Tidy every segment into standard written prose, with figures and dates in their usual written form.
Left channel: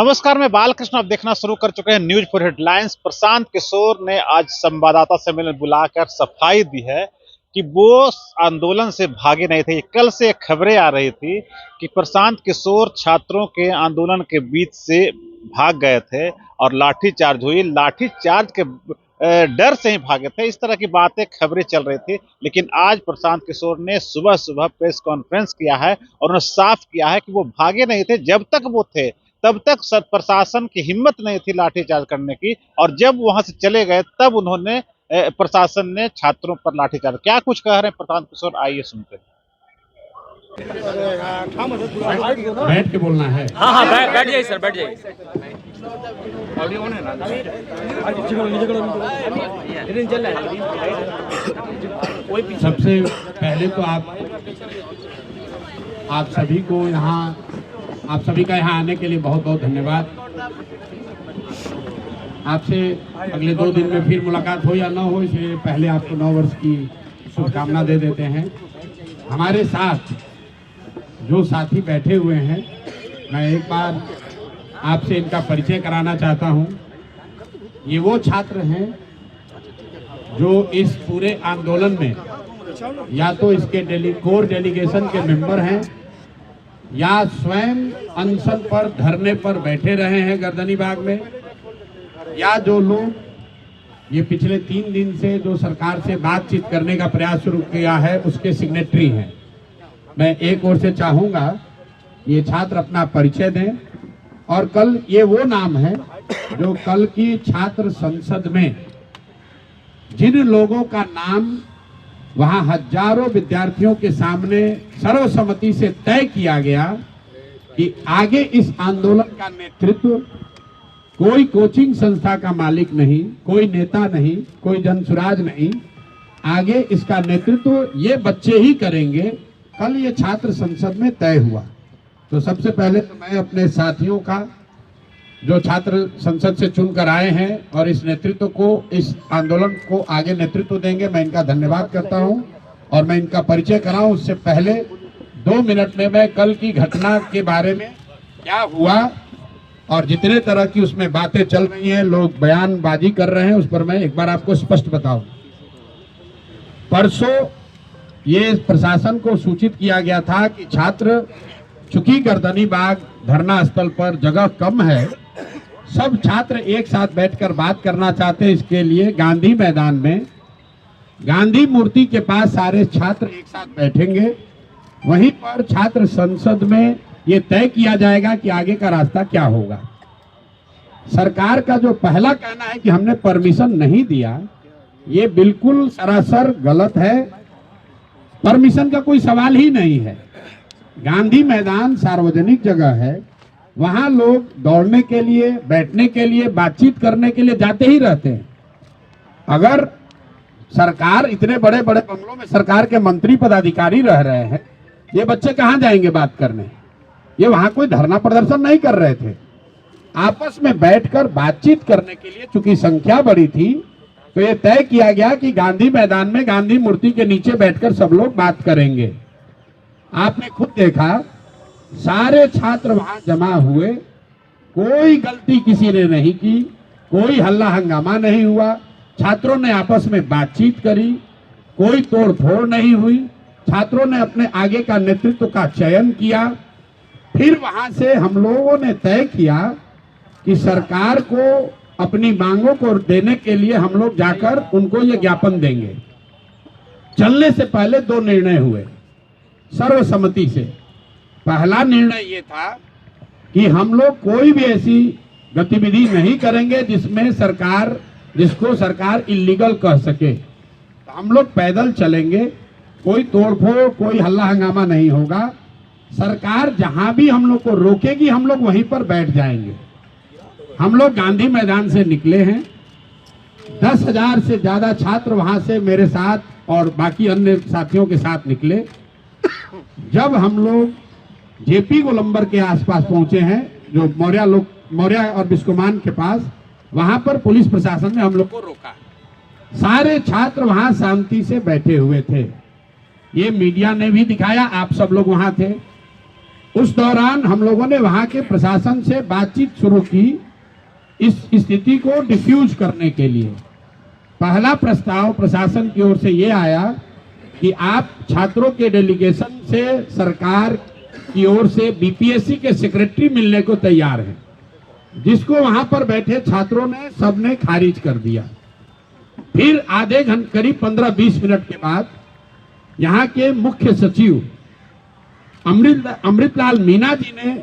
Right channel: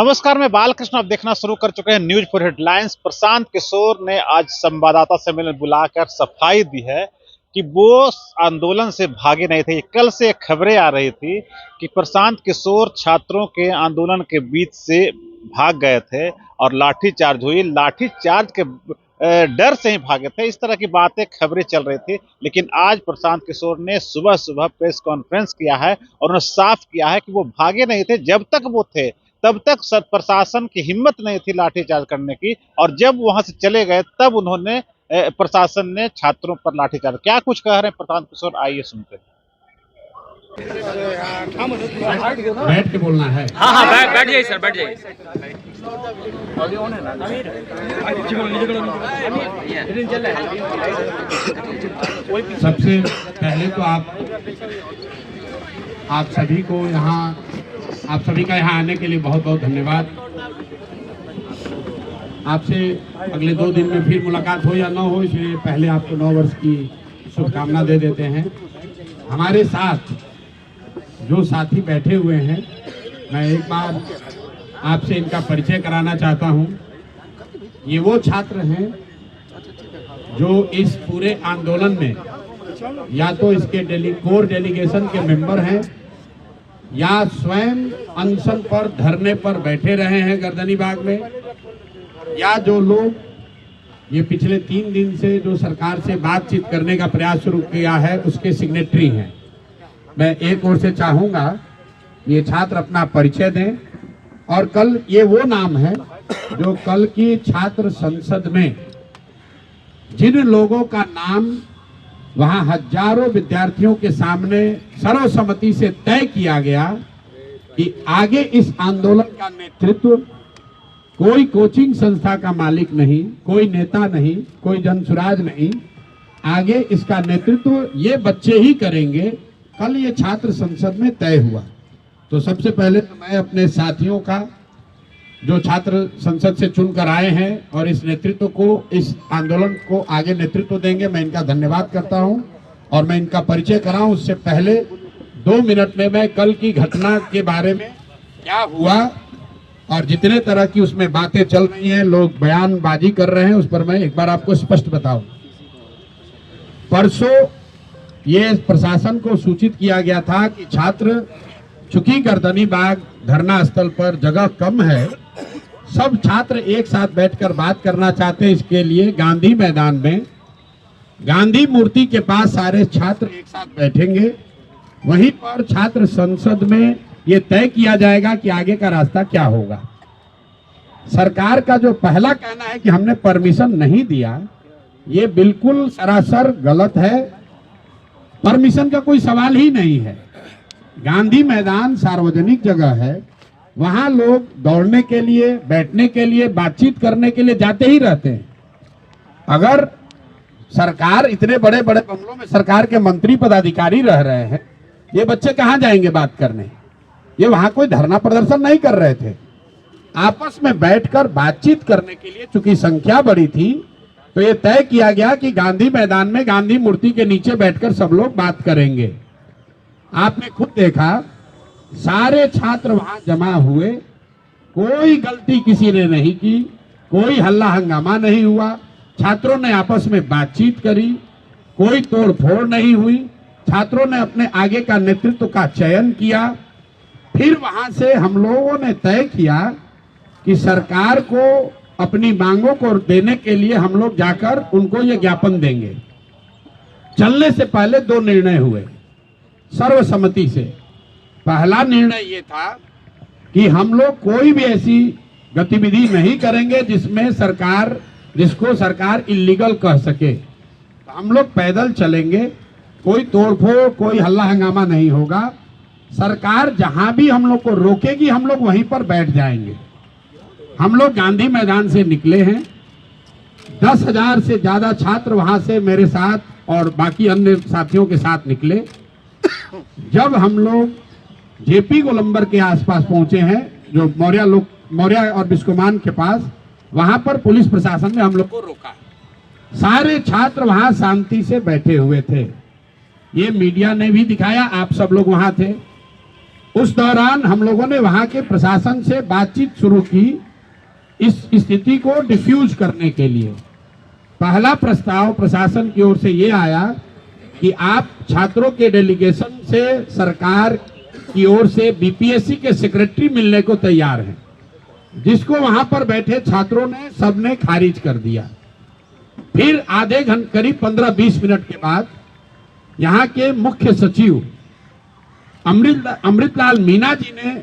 नमस्कार, मैं बालकृष्ण। आप देखना शुरू कर चुके हैं news for headlines. Prashant Kishor ने आज संवाददाता सम्मेलन बुलाकर सफाई दी है कि वो आंदोलन से भागे नहीं थे। कल से खबरें आ रही थी कि प्रशांत किशोर छात्रों के आंदोलन के बीच से भाग गए थे और लाठीचार्ज हुई। लाठीचार्ज के डर से ही भागे थे, इस तरह की बातें खबरें चल रही थी। लेकिन आज प्रशांत किशोर ने सुबह सुबह प्रेस कॉन्फ्रेंस किया है और उन्होंने साफ किया है कि वो भागे नहीं थे। जब तक वो थे तब तक प्रशासन की हिम्मत नहीं थी लाठीचार्ज करने की, और जब वहां से चले गए तब उन्होंने प्रशासन ने छात्रों पर लाठीचार्ज। क्या कुछ कह रहे हैं प्रशांत किशोर, आइए सुनते हैं। बैठ के बोलना है। हाँ हाँ, बैठ जाइए सर, बैठ जाइए। सबसे पहले तो आप सभी को आप सभी का यहाँ आने के लिए बहुत बहुत धन्यवाद। आपसे अगले 2 दिन में फिर मुलाकात हो या ना हो, इसलिए पहले आपको 9 वर्ष की शुभकामना दे देते हैं। हमारे साथ जो साथी बैठे हुए हैं, मैं एक बार आपसे इनका परिचय कराना चाहता हूं। ये वो छात्र हैं जो इस पूरे आंदोलन में या तो इसके कोर डेलीगेशन के मेंबर हैं या स्वयं अनशन पर धरने पर बैठे रहे हैं गर्दनी बाग में, या जो लोग ये पिछले 3 दिन से जो सरकार से बातचीत करने का प्रयास शुरू किया है उसके सिग्नेटरी हैं। मैं एक ओर से चाहूंगा ये छात्र अपना परिचय दें, और कल ये वो नाम है जो कल की छात्र संसद में जिन लोगों का नाम वहां हजारों विद्यार्थियों के सामने सर्वसम्मति से तय किया गया कि आगे इस आंदोलन का नेतृत्व कोई कोचिंग संस्था का मालिक नहीं, कोई नेता नहीं, कोई जनसुराज नहीं, आगे इसका नेतृत्व ये बच्चे ही करेंगे, कल ये छात्र संसद में तय हुआ। तो सबसे पहले तो मैं अपने साथियों का जो छात्र संसद से चुनकर आए हैं और इस नेतृत्व को, इस आंदोलन को आगे नेतृत्व देंगे, मैं इनका धन्यवाद करता हूं। और मैं इनका परिचय कराऊं उससे पहले 2 मिनट में मैं कल की घटना के बारे में क्या हुआ और जितने तरह की उसमें बातें चल रही हैं, लोग बयानबाजी कर रहे हैं, उस पर मैं एक बार आपको स्पष्ट बताऊं। परसों ये प्रशासन को सूचित किया गया था कि छात्र, चूंकि गर्दनी बाग धरना स्थल पर जगह कम है, सब छात्र एक साथ बैठकर बात करना चाहते हैं। इसके लिए गांधी मैदान में गांधी मूर्ति के पास सारे छात्र एक साथ बैठेंगे। वहीं पर छात्र संसद में ये तय किया जाएगा कि आगे का रास्ता क्या होगा। सरकार का जो पहला कहना है कि हमने परमिशन नहीं दिया, ये बिल्कुल सरासर गलत है। परमिशन का कोई सवाल ही नहीं है। गांधी मैदान सार्वजनिक जगह है, वहां लोग दौड़ने के लिए, बैठने के लिए, बातचीत करने के लिए जाते ही रहते हैं। अगर सरकार, इतने बड़े बड़े बंगलों में सरकार के मंत्री पदाधिकारी रह रहे हैं, ये बच्चे कहां जाएंगे बात करने? ये वहां कोई धरना प्रदर्शन नहीं कर रहे थे, आपस में बैठकर बातचीत करने के लिए। चूंकि संख्या बड़ी थी तो ये तय किया गया कि गांधी मैदान में गांधी मूर्ति के नीचे बैठकर सब लोग बात करेंगे। आपने खुद देखा, सारे छात्र वहां जमा हुए, कोई गलती किसी ने नहीं की, कोई हल्ला हंगामा नहीं हुआ, छात्रों ने आपस में बातचीत करी, कोई तोड़ फोड़ नहीं हुई। छात्रों ने अपने आगे का नेतृत्व का चयन किया। फिर वहां से हम लोगों ने तय किया कि सरकार को अपनी मांगों को देने के लिए हम लोग जाकर उनको ये ज्ञापन देंगे। चलने से पहले 2 निर्णय हुए सर्वसम्मति से। पहला निर्णय ये था कि हम लोग कोई भी ऐसी गतिविधि नहीं करेंगे जिसको सरकार इल्लीगल कह सके। तो हम लोग पैदल चलेंगे, कोई तोड़फोड़, कोई हल्ला हंगामा नहीं होगा। सरकार जहां भी हम लोग को रोकेगी, हम लोग वहीं पर बैठ जाएंगे। हम लोग गांधी मैदान से निकले हैं। 10,000 से ज्यादा छात्र वहां से मेरे साथ और बाकी अन्य साथियों के साथ निकले। जब हम लोग जेपी गोलंबर के आसपास पहुंचे हैं, जो मौर्या और बिस्कोमान के पास, वहां पर पुलिस प्रशासन ने हम लोग को रोका। सारे छात्र वहां शांति से बैठे हुए थे। ये मीडिया ने भी दिखाया, आप सब लोग वहां थे। उस दौरान हम लोगों ने वहां के प्रशासन से बातचीत शुरू की इस स्थिति को डिफ्यूज करने के लिए। पहला प्रस्ताव प्रशासन की ओर से ये आया कि आप छात्रों के डेलीगेशन से सरकार की ओर से बीपीएससी के सेक्रेटरी मिलने को तैयार हैं, जिसको वहां पर बैठे छात्रों ने सबने खारिज कर दिया। फिर आधे घंटे करीब 15-20 मिनट के बाद यहाँ के मुख्य सचिव अमृतलाल मीना जी ने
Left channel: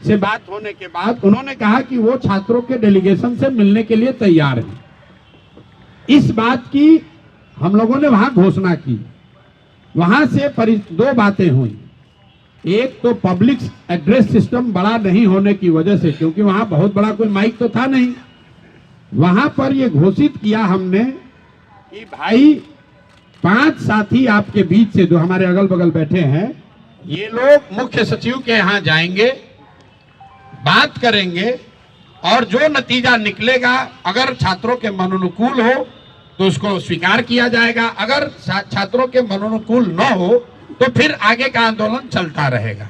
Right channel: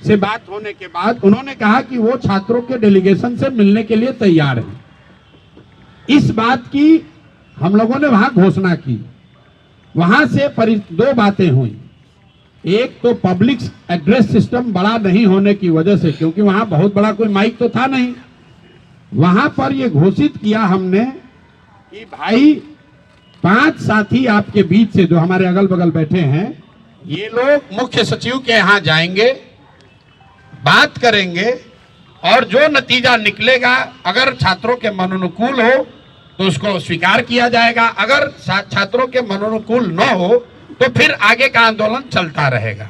से बात होने के बाद उन्होंने कहा कि वो छात्रों के डेलीगेशन से मिलने के लिए तैयार हैं। इस बात की हम लोगों ने वहां घोषणा की। वहां से दो बातें हुई। एक तो पब्लिक एड्रेस सिस्टम बड़ा नहीं होने की वजह से, क्योंकि वहां बहुत बड़ा कोई माइक तो था नहीं, वहां पर ये घोषित किया हमने कि भाई 5 साथी आपके बीच से जो हमारे अगल बगल बैठे हैं, ये लोग मुख्य सचिव के यहाँ जाएंगे, बात करेंगे और जो नतीजा निकलेगा अगर छात्रों के मनोनुकूल हो तो उसको स्वीकार किया जाएगा, अगर छात्रों के मनोनुकूल न हो तो फिर आगे का आंदोलन चलता रहेगा।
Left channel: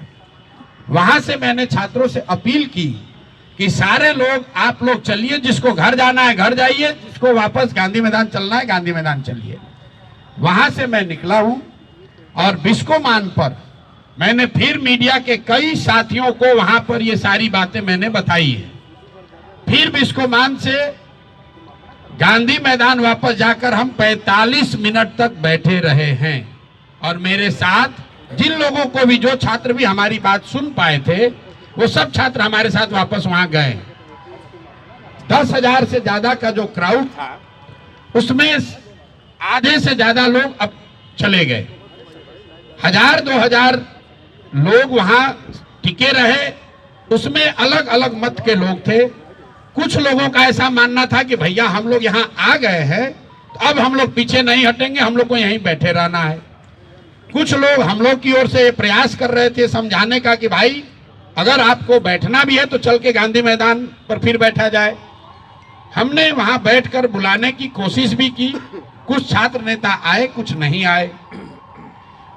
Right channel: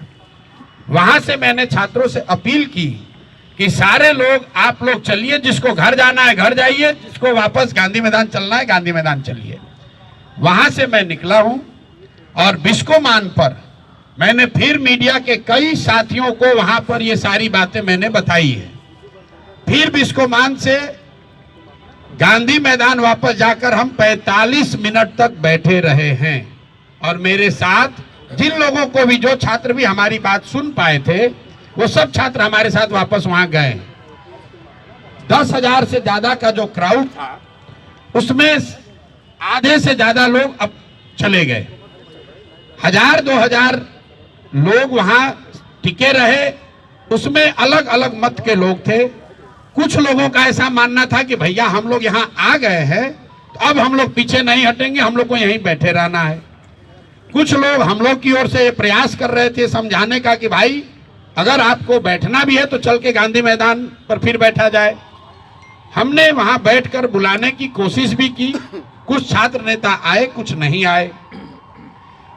वहां से मैंने छात्रों से अपील की कि सारे लोग आप लोग चलिए, जिसको घर जाना है घर जाइए, जिसको वापस गांधी मैदान चलना है गांधी मैदान चलिए। वहां से मैं निकला हूं और बिस्कोमान पर मैंने फिर मीडिया के कई साथियों को वहां पर ये सारी बातें मैंने बताई है। फिर बिस्कोमान से गांधी मैदान वापस जाकर हम 45 मिनट तक बैठे रहे हैं और मेरे साथ जिन लोगों को भी, जो छात्र भी हमारी बात सुन पाए थे, वो सब छात्र हमारे साथ वापस वहां गए। 10,000 से ज्यादा का जो क्राउड था उसमें आधे से ज्यादा लोग अब चले गए। 1,000-2,000 लोग वहां टिके रहे। उसमें अलग अलग मत के लोग थे। कुछ लोगों का ऐसा मानना था कि भैया हम लोग यहाँ आ गए हैं तो अब हम लोग पीछे नहीं हटेंगे, हम लोग को यहीं बैठे रहना है। कुछ लोग हम लोग की ओर से प्रयास कर रहे थे समझाने का कि भाई अगर आपको बैठना भी है तो चल के गांधी मैदान पर फिर बैठा जाए। हमने वहां बैठकर बुलाने की कोशिश भी की। कुछ छात्र नेता आए, कुछ नहीं आए।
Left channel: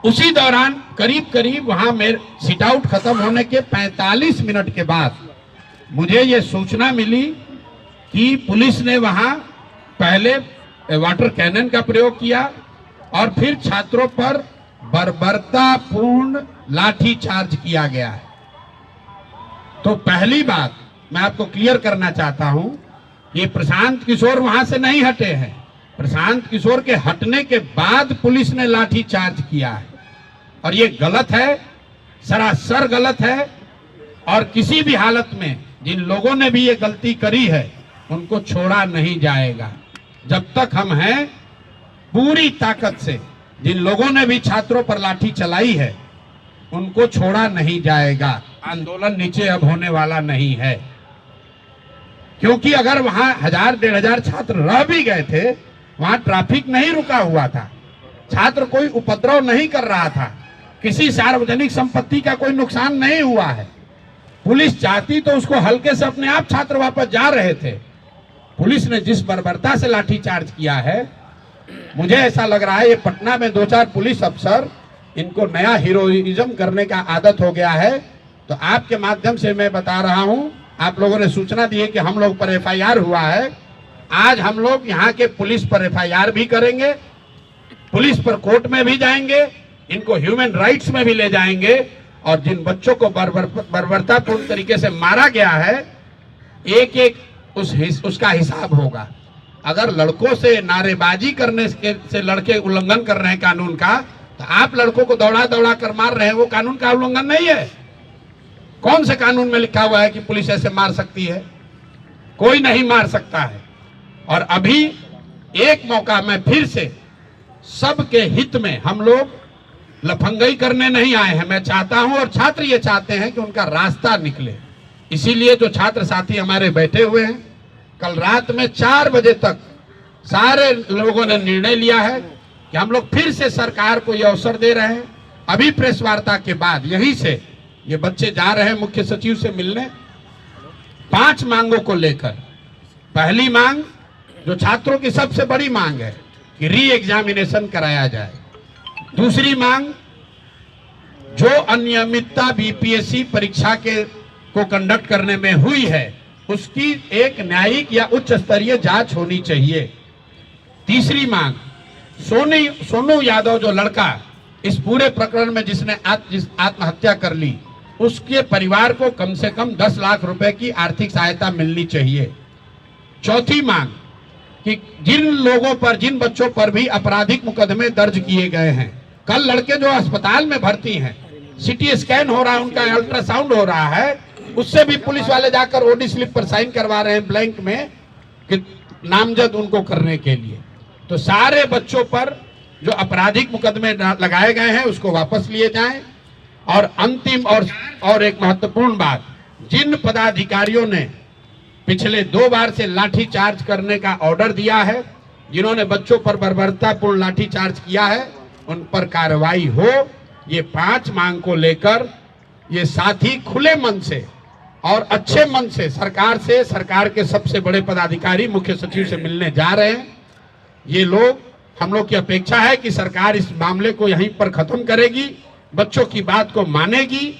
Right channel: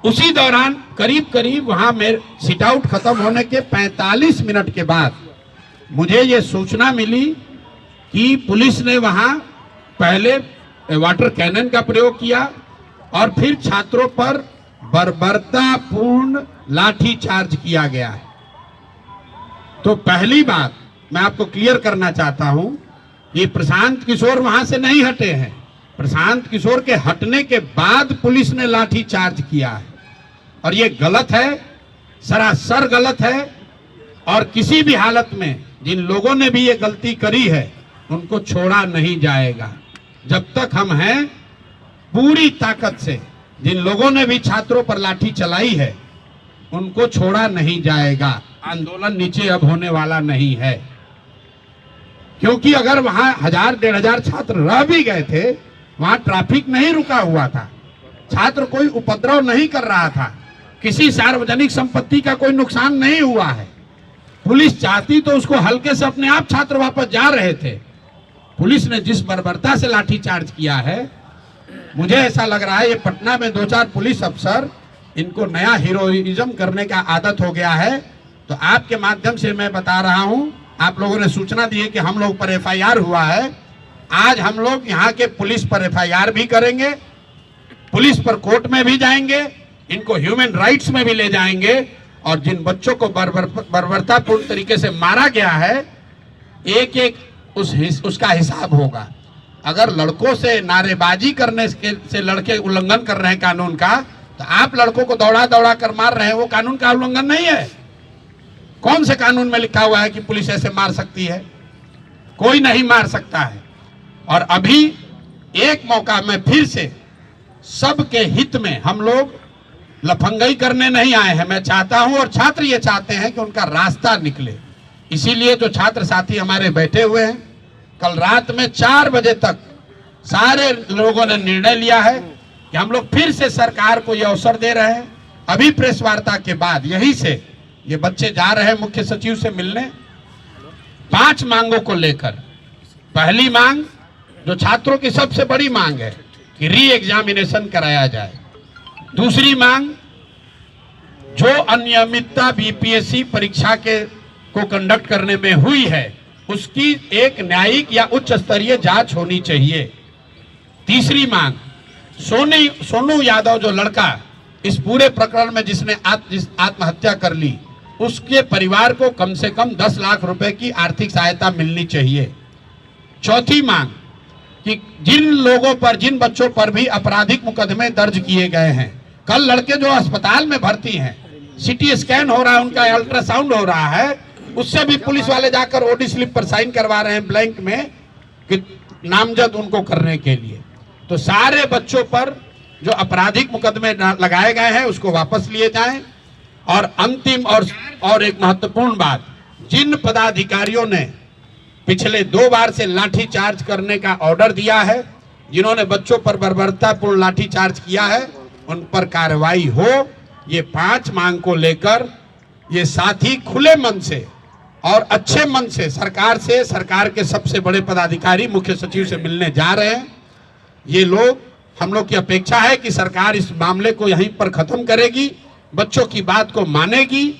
उसी दौरान करीब करीब वहां मेरे सिट आउट खत्म होने के 45 मिनट के बाद मुझे ये सूचना मिली कि पुलिस ने वहां पहले वाटर कैनन का प्रयोग किया और फिर छात्रों पर बर्बरतापूर्ण लाठी चार्ज किया गया है। तो पहली बात मैं आपको क्लियर करना चाहता हूं, ये प्रशांत किशोर वहां से नहीं हटे हैं। प्रशांत किशोर के हटने के बाद पुलिस ने लाठी चार्ज किया है और ये गलत है, सरासर गलत है। और किसी भी हालत में जिन लोगों ने भी ये गलती करी है उनको छोड़ा नहीं जाएगा। जब तक हम हैं पूरी ताकत से जिन लोगों ने भी छात्रों पर लाठी चलाई है उनको छोड़ा नहीं जाएगा। आंदोलन नीचे अब होने वाला नहीं है, क्योंकि अगर वहां 1,000-1,500 छात्र रह भी गए थे, वहां ट्रैफिक नहीं रुका हुआ था, छात्र कोई उपद्रव नहीं कर रहा था, किसी सार्वजनिक संपत्ति का कोई नुकसान नहीं हुआ है। पुलिस चाहती तो उसको हल्के से अपने आप छात्र वापस जा रहे थे। पुलिस ने जिस बर्बरता से लाठीचार्ज किया है, मुझे ऐसा लग रहा है ये पटना में 2-4 पुलिस अफसर, इनको नया हीरोइज्म करने का आदत हो गया है। तो आपके माध्यम से मैं बता रहा हूं, आप लोगों ने सूचना दी है कि हम लोग पर एफआईआर हुआ है। आज हम लोग यहाँ के पुलिस पर एफआईआर भी करेंगे, पुलिस पर कोर्ट में भी जाएंगे, इनको ह्यूमन राइट्स में भी ले जाएंगे और जिन बच्चों को बर्बरतापूर्ण तरीके से मारा गया है, एक एक उसका हिसाब होगा। अगर लड़कों से नारेबाजी करने से लड़के उल्लंघन कर रहे हैं कानून का, तो आप लड़कों को दौड़ा दौड़ा कर मार रहे हैं, वो कानून का उल्लंघन नहीं है। कौन से कानून में लिखा हुआ है कि पुलिस ऐसे मार सकती है? कोई नहीं मार सकता है। और अभी एक मौका में फिर से सबके हित में, हम लोग लफंगई करने नहीं आए हैं। मैं चाहता हूं और छात्र ये चाहते हैं कि उनका रास्ता निकले। इसीलिए जो छात्र साथी हमारे बैठे हुए हैं, कल रात में 4 बजे तक सारे लोगों ने निर्णय लिया है कि हम लोग फिर से सरकार को ये अवसर दे रहे हैं। अभी प्रेस वार्ता के बाद यहीं से ये बच्चे जा रहे हैं मुख्य सचिव से मिलने 5 मांगों को लेकर। पहली मांग, जो छात्रों की सबसे बड़ी मांग है, कि री एग्जामिनेशन कराया जाए। दूसरी मांग, जो अनियमितता बीपीएससी परीक्षा को कंडक्ट करने में हुई है उसकी एक न्यायिक या उच्च स्तरीय जांच होनी चाहिए। तीसरी मांग, सोनू यादव जो लड़का इस पूरे प्रकरण में जिसने आत्महत्या कर ली, उसके परिवार को कम से कम 10 लाख रुपए की आर्थिक सहायता मिलनी चाहिए। चौथी मांग कि जिन बच्चों पर भी आपराधिक मुकदमे दर्ज किए गए हैं, कल लड़के जो अस्पताल में भर्ती हैं, सीटी स्कैन हो रहा है, उनका अल्ट्रासाउंड हो रहा है, उससे भी पुलिस वाले जाकर ओडी स्लिप पर साइन करवा रहे हैं ब्लैंक में कि नामजद उनको करने के लिए। तो सारे बच्चों पर जो आपराधिक मुकदमे लगाए गए हैं उसको वापस लिए जाएं। और अंतिम और एक महत्वपूर्ण बात, जिन पदाधिकारियों ने पिछले 2 बार से लाठी चार्ज करने का ऑर्डर दिया है, जिन्होंने बच्चों पर बर्बरतापूर्ण लाठी चार्ज किया है, उन पर कार्रवाई हो। ये 5 मांग को लेकर ये साथी खुले मन से और अच्छे मन से सरकार के सबसे बड़े पदाधिकारी मुख्य सचिव से मिलने जा रहे हैं। ये लोग, हम लोग की अपेक्षा है कि सरकार इस मामले को यहीं पर खत्म करेगी, बच्चों की बात को मानेगी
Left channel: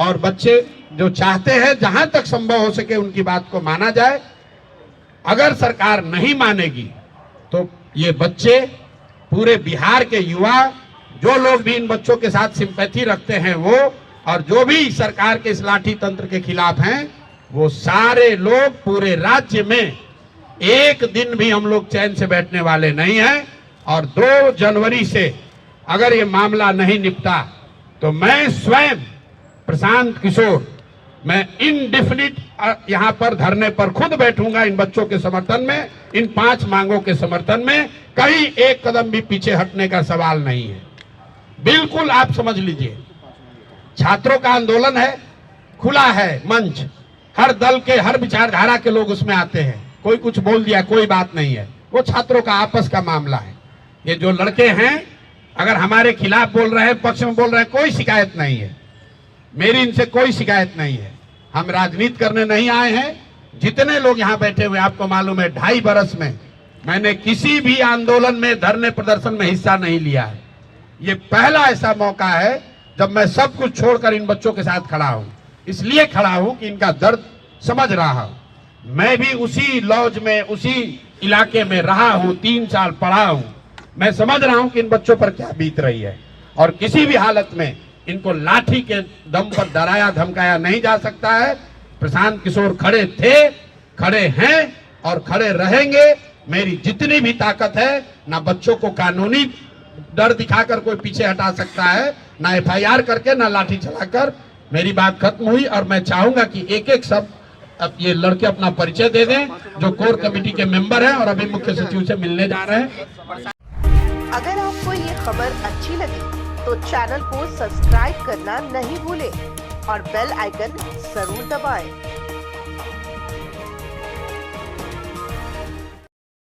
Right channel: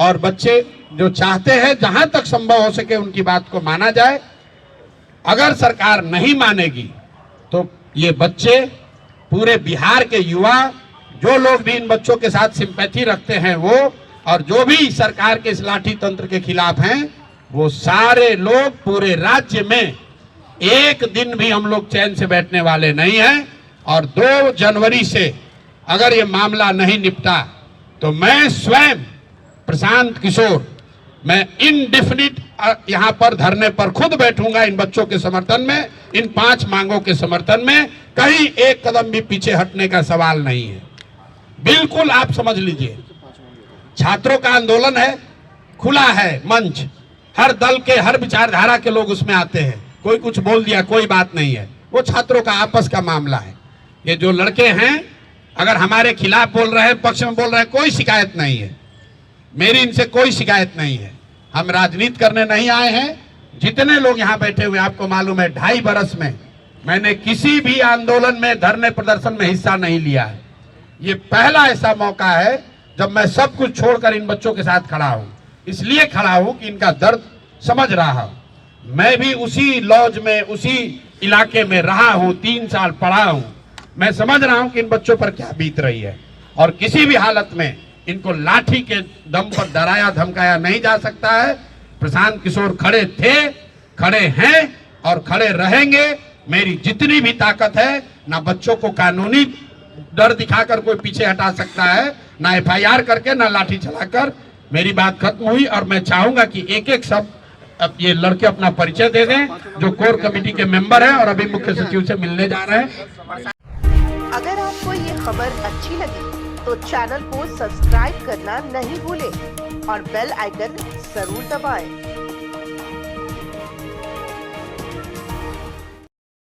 और बच्चे जो चाहते हैं जहां तक संभव हो सके उनकी बात को माना जाए। अगर सरकार नहीं मानेगी तो ये बच्चे, पूरे बिहार के युवा, जो लोग भी इन बच्चों के साथ सिंपैथी रखते हैं वो, और जो भी सरकार के इस लाठी तंत्र के खिलाफ हैं, वो सारे लोग पूरे राज्य में एक दिन भी हम लोग चैन से बैठने वाले नहीं हैं। और 2 जनवरी से अगर ये मामला नहीं निपटा तो मैं स्वयं प्रशांत किशोर, मैं इनडेफिनिट यहाँ पर धरने पर खुद बैठूंगा इन बच्चों के समर्थन में, इन 5 मांगों के समर्थन में। कहीं एक कदम भी पीछे हटने का सवाल नहीं है। बिल्कुल आप समझ लीजिए, छात्रों का आंदोलन है, खुला है मंच, हर दल के, हर विचारधारा के लोग उसमें आते हैं। कोई कुछ बोल दिया, कोई बात नहीं है, वो छात्रों का आपस का मामला है। ये जो लड़के हैं अगर हमारे खिलाफ बोल रहे हैं, पक्ष में बोल रहे हैं, कोई शिकायत नहीं है, मेरी इनसे कोई शिकायत नहीं है। हम राजनीति करने नहीं आए हैं। जितने लोग यहाँ बैठे हुए, आपको मालूम है 2.5 बरस में मैंने किसी भी आंदोलन में, धरने प्रदर्शन में हिस्सा नहीं लिया है। ये पहला ऐसा मौका है जब मैं सब कुछ छोड़कर इन बच्चों के साथ खड़ा हूँ। इसलिए खड़ा हूँ कि इनका दर्द समझ रहा हूँ। मैं भी उसी लॉज में, उसी इलाके में रहा हूँ, 3 साल पढ़ा हूँ। मैं समझ रहा हूँ कि इन बच्चों पर क्या बीत रही है। और किसी भी हालत में इनको लाठी के दम पर डराया धमकाया नहीं जा सकता है। प्रशांत किशोर खड़े थे, खड़े हैं और खड़े रहेंगे। मेरी जितनी भी ताकत है, ना बच्चों को कानूनी डर दिखाकर कोई पीछे हटा सकता है, ना एफआईआर करके, ना लाठी चलाकर। मेरी बात खत्म हुई और मैं चाहूंगा कि एक सब अब ये लड़के अपना परिचय दे दें, जो कोर कमेटी के मेंबर हैं और अभी मुख्य सचिव से मिलने जा रहे हैं। अगर आपको ये खबर अच्छी लगी तो चैनल को सब्सक्राइब करना नहीं भूलें और बेल आइकन जरूर दबाएं।